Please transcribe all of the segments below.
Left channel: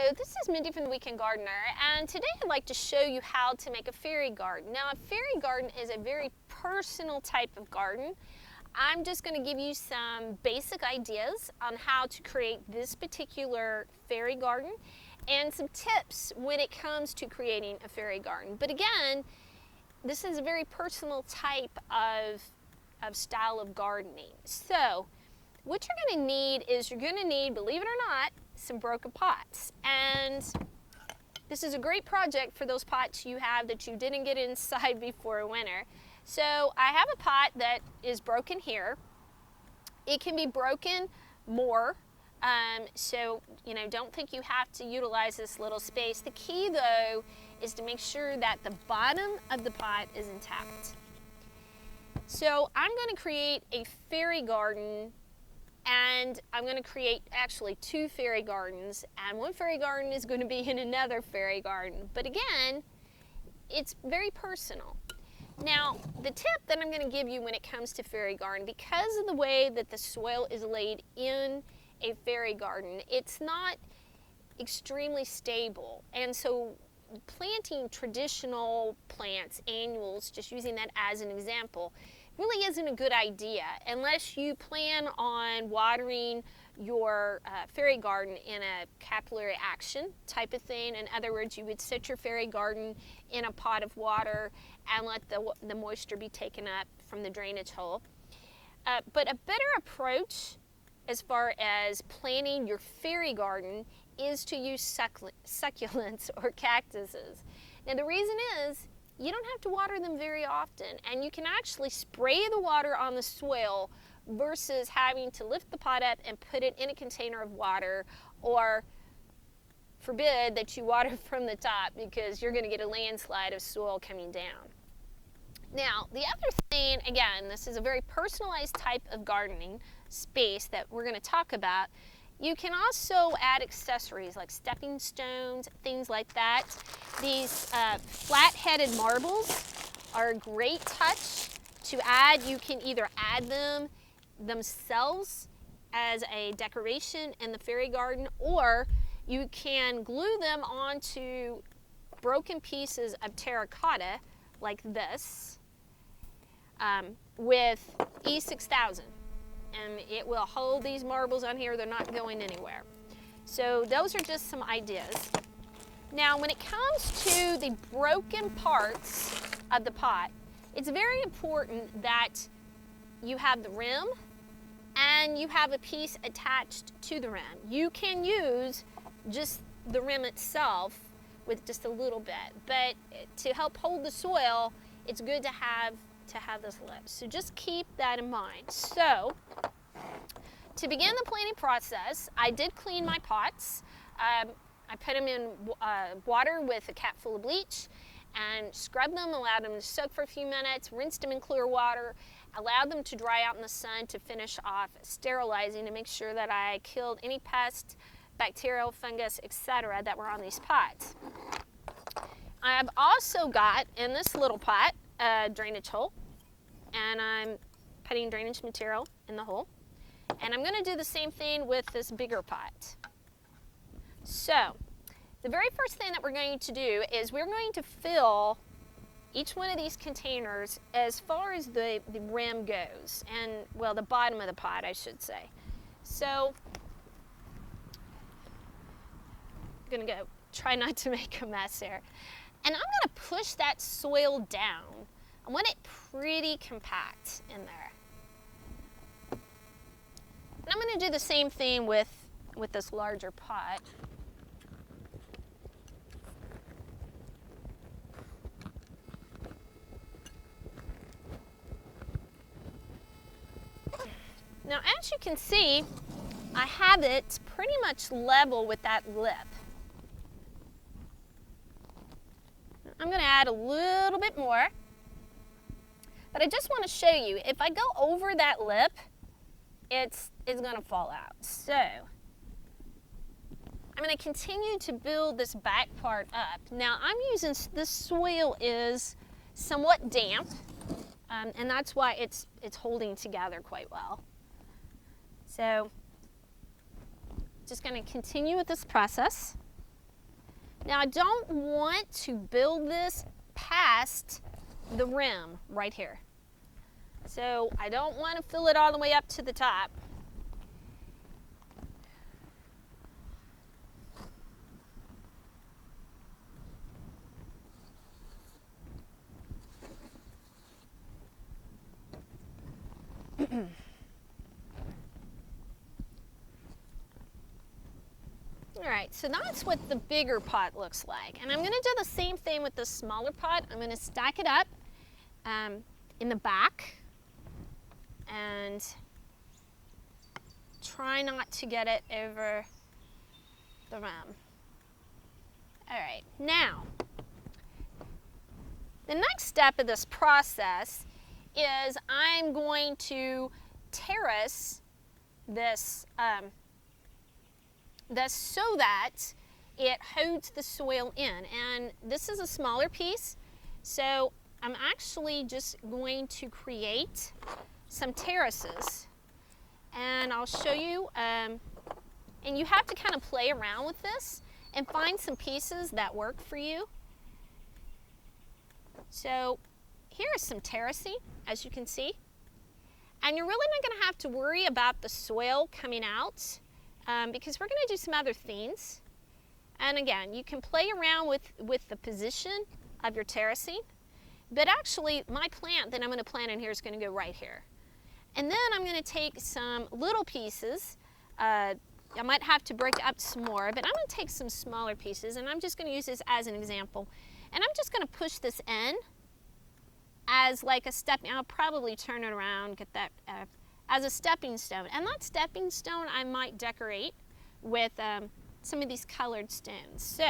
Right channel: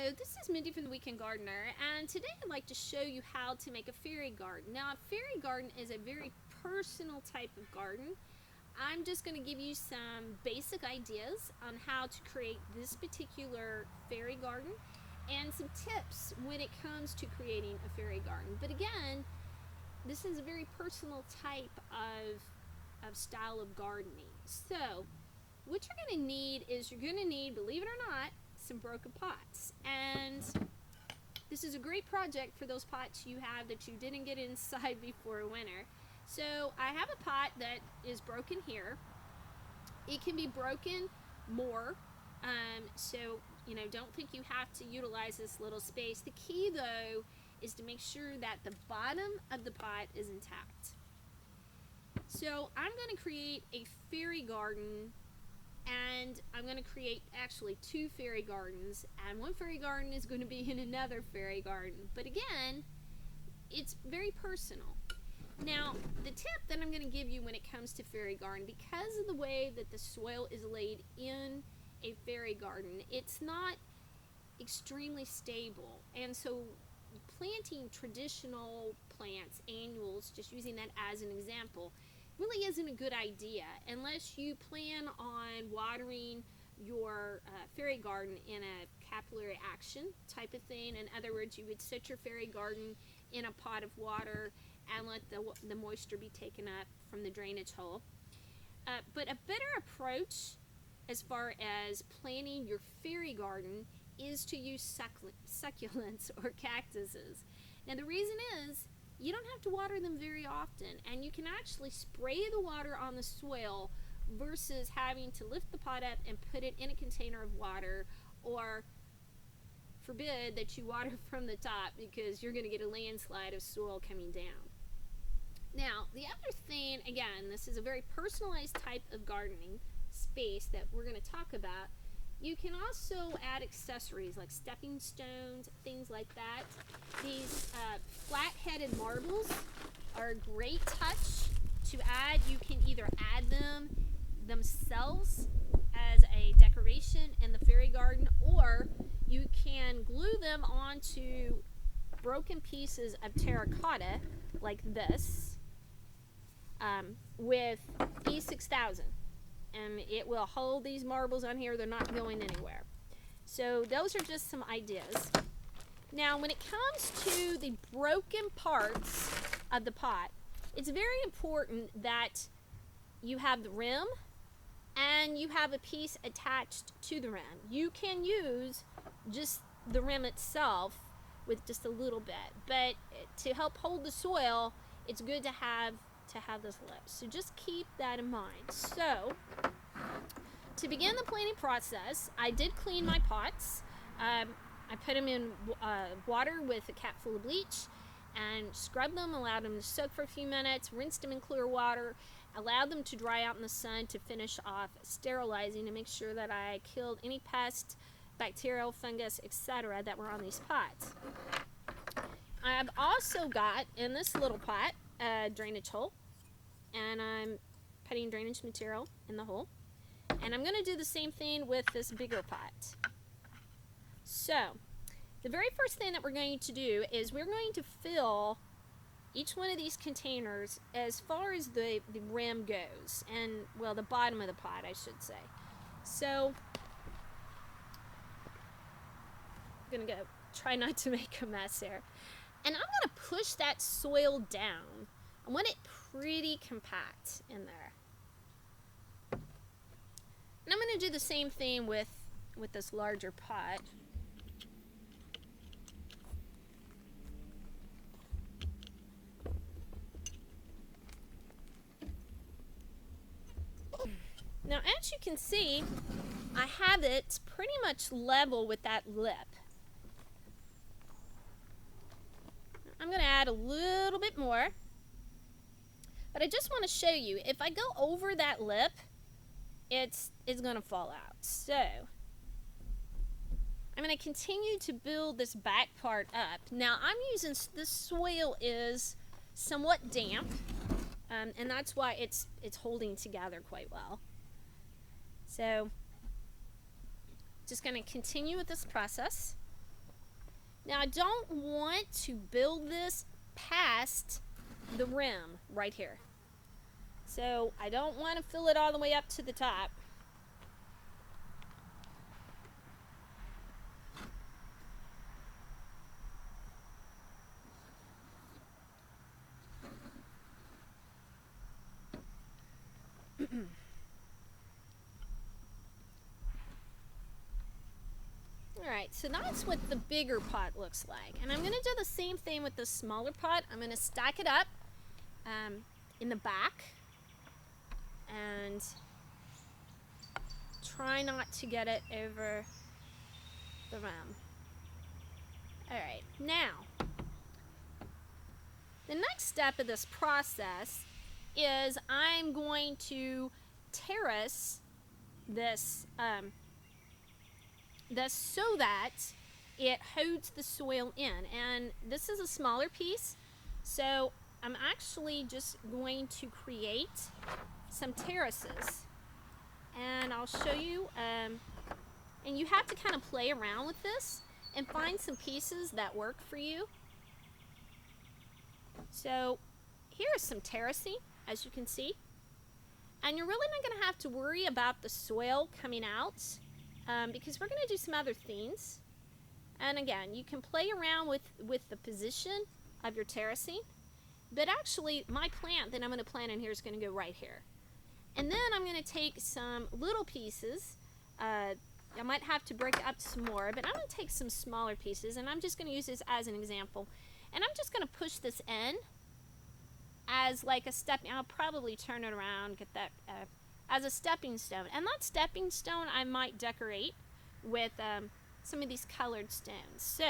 Hello, this is Mindy from the Weekend Gardener, and today I'd like to show you how to make a fairy garden. Now, a fairy garden is a very personal type of garden. I'm just going to give you some basic ideas on how to create this particular fairy garden and some tips when it comes to creating a fairy garden. But again, this is a very personal type of style of gardening. So, what you're going to need is you're going to need, believe it or not, some broken pots. And this is a great project for those pots you have that you didn't get inside before winter. So I have a pot that is broken here. It can be broken more. So, don't think you have to utilize this little space. The key, though, is to make sure that the bottom of the pot is intact. So I'm going to create a fairy garden, and I'm going to create actually two fairy gardens, and one fairy garden is going to be in another fairy garden. But again, it's very personal. Now, the tip that I'm going to give you when it comes to fairy garden, because of the way that the soil is laid in a fairy garden, it's not extremely stable. And so planting traditional plants, annuals, just using that as an example, really isn't a good idea unless you plan on watering your fairy garden in a capillary action type of thing. In other words, you would set your fairy garden in a pot of water and let the moisture be taken up from the drainage hole. But a better approach as far as planting your fairy garden is to use succulents or cactuses. Now the reason is, you don't have to water them very often, and you can actually spray the water on the soil versus having to lift the pot up and put it in a container of water, or forbid that you water from the top because you're going to get a landslide of soil coming down. Now, the other thing, again, this is a very personalized type of gardening space that we're going to talk about. You can also add accessories like stepping stones, things like that. These flat-headed marbles are a great touch to add. You can either add them themselves as a decoration in the fairy garden, or you can glue them onto broken pieces of terracotta like this with E6000. And it will hold these marbles on here. They're not going anywhere. So those are just some ideas. Now, when it comes to the broken parts of the pot, it's very important that you have the rim and you have a piece attached to the rim. You can use just the rim itself with just a little bit, but to help hold the soil, it's good to have this lip. So just keep that in mind. So to begin the planting process, I did clean my pots. I put them in water with a cap full of bleach and scrubbed them, allowed them to soak for a few minutes, rinsed them in clear water, allowed them to dry out in the sun to finish off sterilizing to make sure that I killed any pests, bacterial, fungus, etc. that were on these pots. I've also got in this little pot a drainage hole, and I'm putting drainage material in the hole, and I'm going to do the same thing with this bigger pot. So the very first thing that we're going to do is we're going to fill each one of these containers as far as the rim goes, and well, the bottom of the pot, I should say. So I'm going to go try not to make a mess here, and I'm going to push that soil down. I want it pretty compact in there. And I'm going to do the same thing with this larger pot. Now, as you can see, I have it pretty much level with that lip. I'm going to add a little bit more. But I just want to show you, if I go over that lip, it's going to fall out. So I'm going to continue to build this back part up. Now I'm using, this soil is somewhat damp, and that's why it's holding together quite well. So just going to continue with this process. Now I don't want to build this past the rim right here. So I don't want to fill it all the way up to the top. Alright, so that's what the bigger pot looks like. And I'm going to do the same thing with the smaller pot. I'm going to stack it up in the back and try not to get it over the rim. Alright, now the next step of this process is I'm going to terrace this so that it holds the soil in. And this is a smaller piece, so I'm actually just going to create some terraces. And I'll show you, and you have to kind of play around with this and find some pieces that work for you. So here is some terracing, as you can see. And you're really not going to have to worry about the soil coming out because we're going to do some other things. And again, you can play around with the position of your terracing. But actually, my plant that I'm going to plant in here is going to go right here. And then I'm going to take some little pieces. I might have to break it up some more, but I'm going to take some smaller pieces, and I'm just going to use this as an example. And I'm just going to push this in as like a step. I'll probably turn it around, get that as a stepping stone. And that stepping stone I might decorate with some of these colored stones. So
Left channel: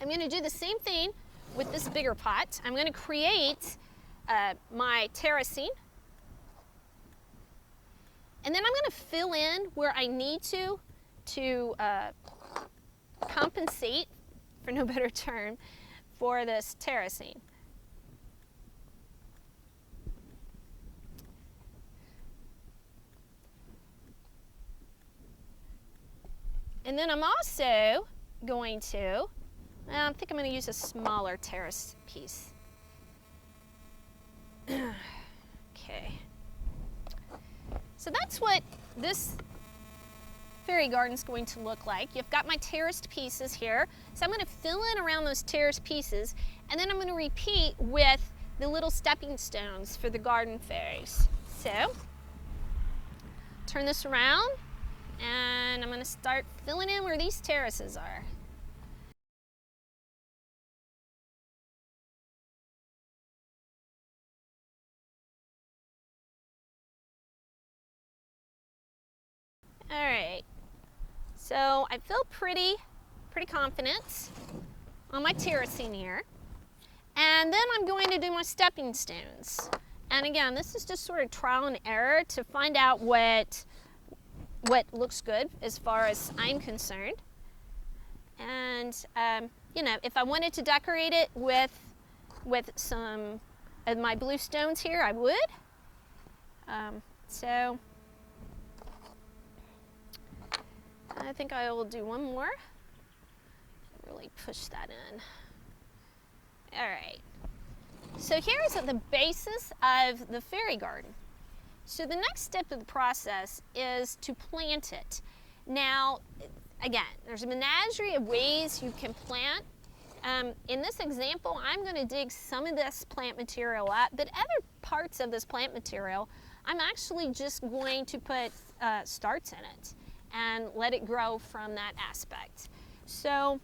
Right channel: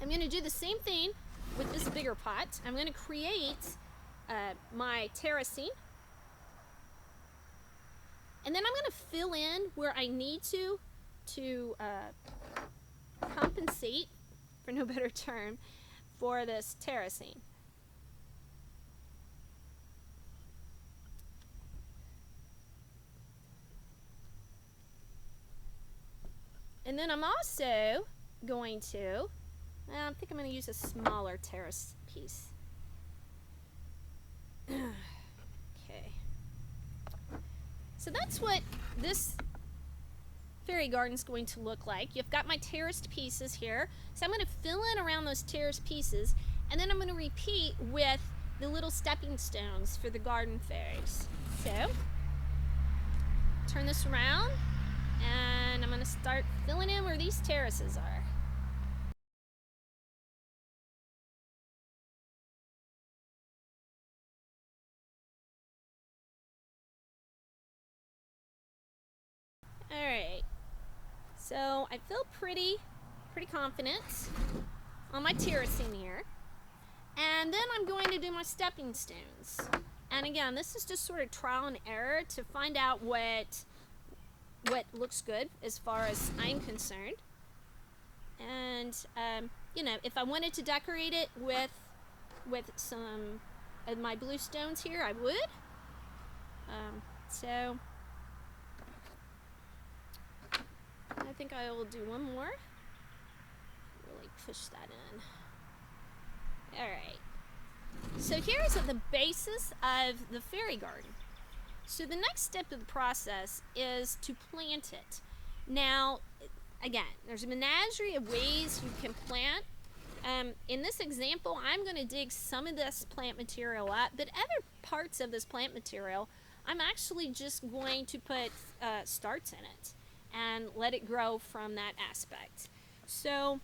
I'm going to do the same thing with this bigger pot. I'm going to create my terracing. And then I'm going to fill in where I need to compensate, for no better term, for this terracing. And then I'm also going to, I think I'm going to use a smaller terrace piece. Okay. So that's what this fairy garden is going to look like. You've got my terraced pieces here. So I'm going to fill in around those terraced pieces, and then I'm going to repeat with the little stepping stones for the garden fairies. So turn this around, and I'm going to start filling in where these terraces are. All right, so I feel pretty confident on my terracing here. And then I'm going to do my stepping stones. And again, this is just sort of trial and error to find out what looks good as far as I'm concerned. And you know, if I wanted to decorate it with some of my blue stones here, I would. So I think I will do one more. Really push that in. All right. So here's the basis of the fairy garden. So the next step of the process is to plant it. Now, again, there's a menagerie of ways you can plant. In this example, I'm going to dig some of this plant material up, but other parts of this plant material, I'm actually just going to put starts in it and let it grow from that aspect. So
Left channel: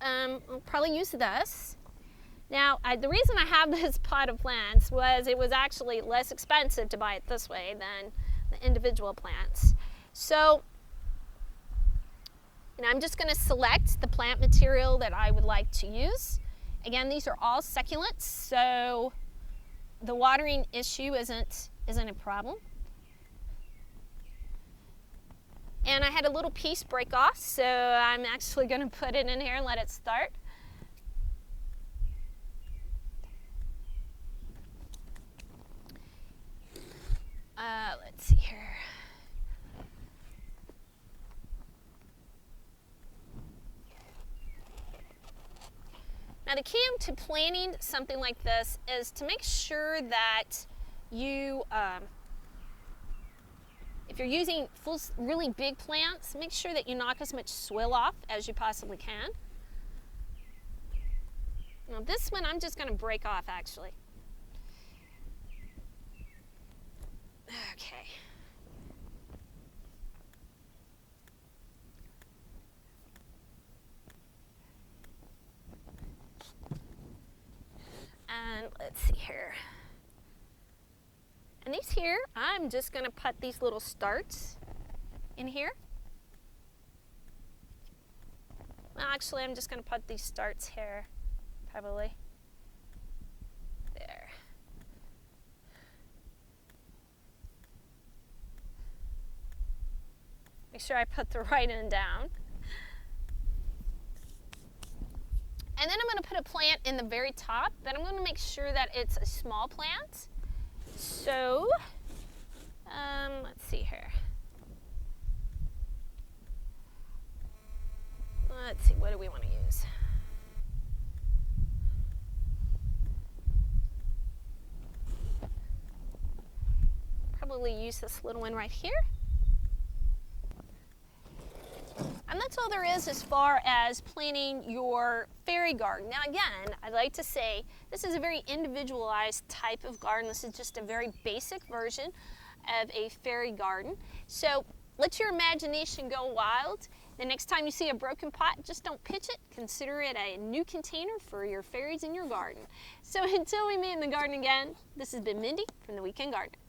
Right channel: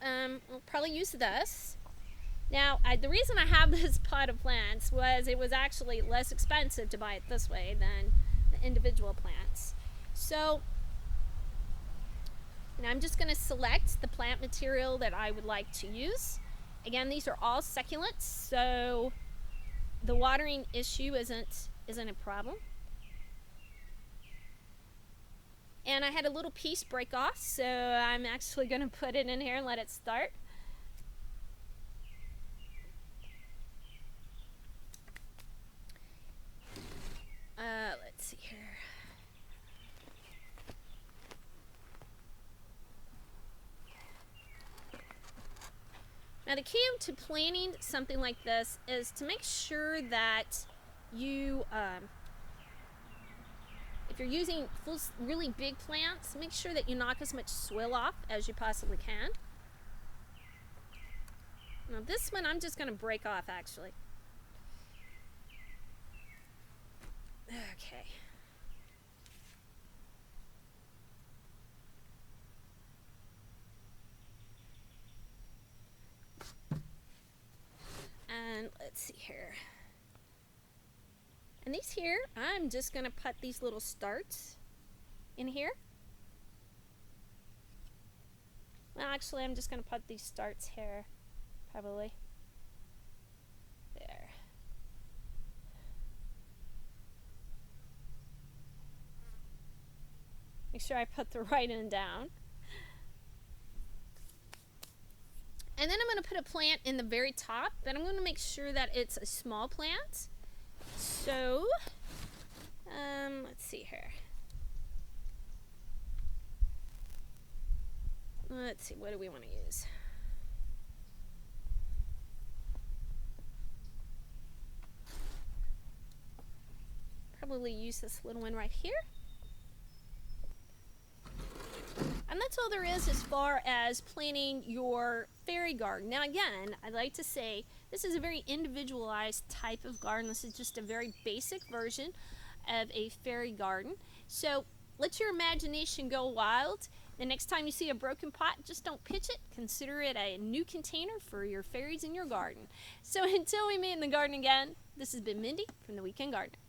I'll probably use this. Now, the reason I have this pot of plants was it was actually less expensive to buy it this way than the individual plants. So, and I'm just going to select the plant material that I would like to use. Again, these are all succulents, so the watering issue isn't a problem. And I had a little piece break off, so I'm actually going to put it in here and let it start. Let's see here. Now the key to planting something like this is to make sure that you, if you're using really big plants, make sure that you knock as much soil off as you possibly can. Now this one I'm just going to break off actually. Okay. And let's see here. And these here, I'm just going to put these little starts in here. Well, actually, I'm just going to put these starts here, probably. There. Make sure I put the right end down. And then I'm going to put a plant in the very top, but I'm going to make sure that it's a small plant. So, let's see here. Let's see, what do we want to use? Probably use this little one right here. And that's all there is as far as planting your fairy garden. Now again, I'd like to say this is a very individualized type of garden. This is just a very basic version of a fairy garden. So let your imagination go wild. The next time you see a broken pot, just don't pitch it. Consider it a new container for your fairies in your garden. So until we meet in the garden again, this has been Mindy from The Weekend Gardener.